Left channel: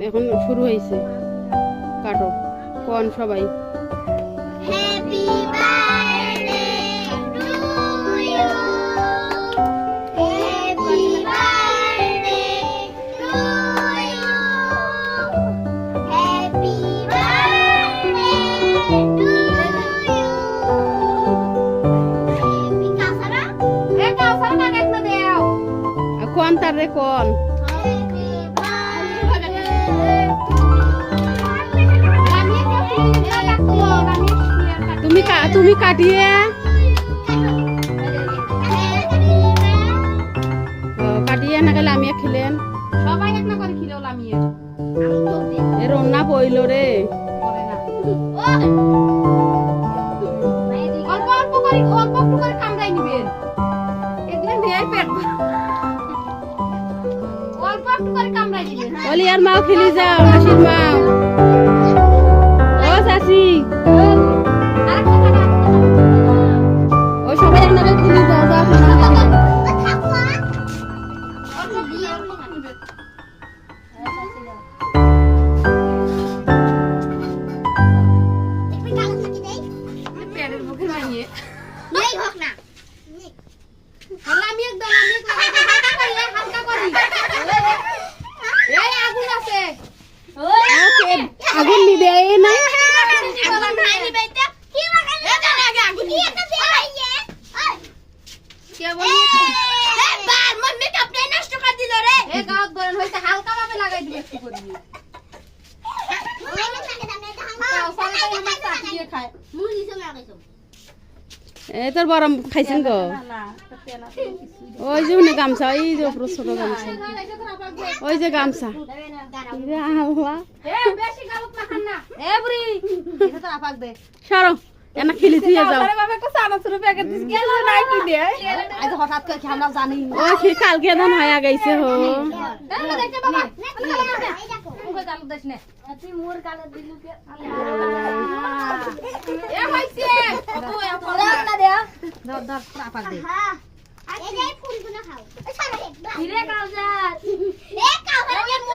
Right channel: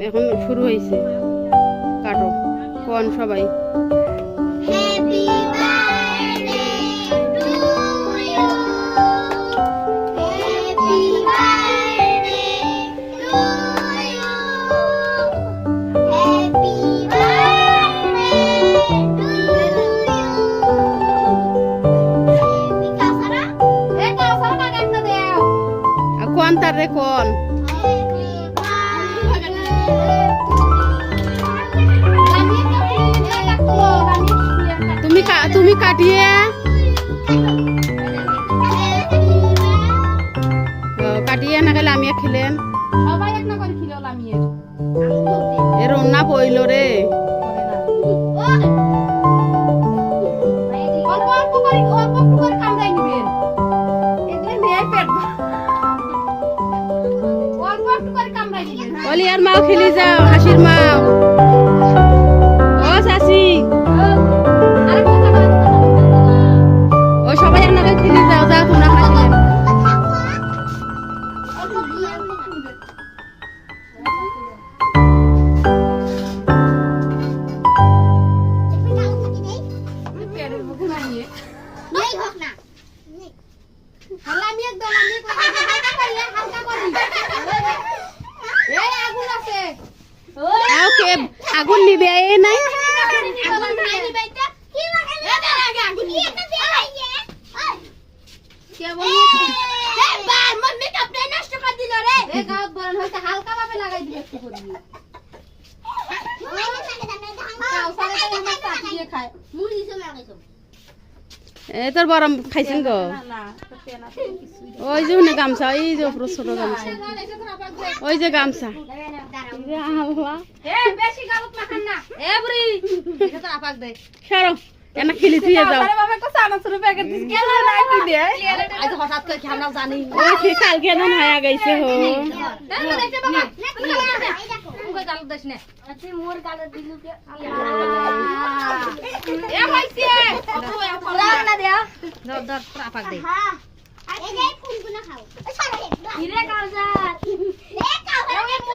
এখন শুরু হয়েছে কাটো কোন সবাই happy birthday to you happy birthday to you happy birthday to you কাসারা এ কাসারা কাকে তো দেও কোন তার রে কোন তুমি কাটিয়ে কাটিয়ে না গেলে আমি খেলেন সবাই একটা করে খিলো লামিয়ে এর অন্যা পইল রে অল্প অল্প করে কামড়াই নিবেন এগুলো নিয়ে পেট অল্প একটু করে কামড়াই নিবেন বলি আর মাও খেলি যাও হাসির মাও ও শাশি ও সবাই আপনাকে খেলি যাও যাও তোমরা হাসিলেন আগুন নিবে এ নাই হালকা ভাবে লাগাই দিবে একটু করে খায় এ তোর বড় খাইছেন গো ওই যে উনি গামছা ওই যে উপর ছোট গামছা ওই যে গামছা সরো কেন খেলি থুয়ে যাও ওই কালকে ধান হয়ে গেছে হো